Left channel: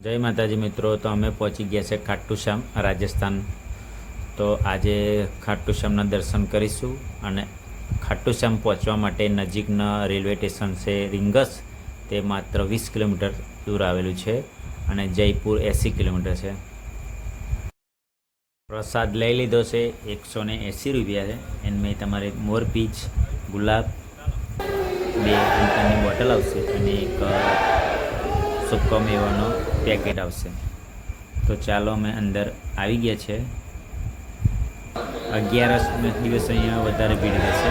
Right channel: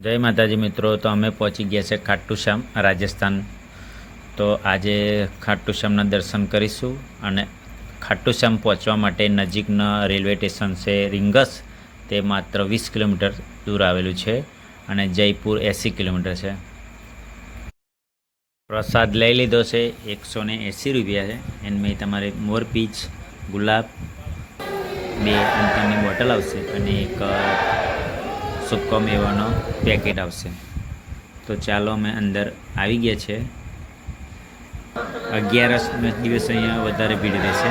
જય માતાજી મિત્રો, તો અમે પહોંચી ગયા છે ખાટુ શ્યામ રાજસ્થાન। તો આજે ખાટુ શ્યામના દર્શન કરીશું અને ખાટુ શ્યામ પહોંચવા માટે નજીકના રેલવે સ્ટેશન છે રીંગસ, તે માત્ર 20 કિલોમીટર દૂર આવેલું છે અને જયપુર 80 કિલોમીટર છે। પ્રસાદ લઈ લીધો છે, 180 રૂપિયા છે। એમાં તમારે મોરપીચ, ગુલાબ, 2 અંતરની બોટલ આવશે અને એક સૂકો મેવાનો પેકેટ આવશે। તો ચાલો અમે અંદર આવી ગયા છે। 11નો દિવસ અહીંયા વધારે ભીડ રહેશે।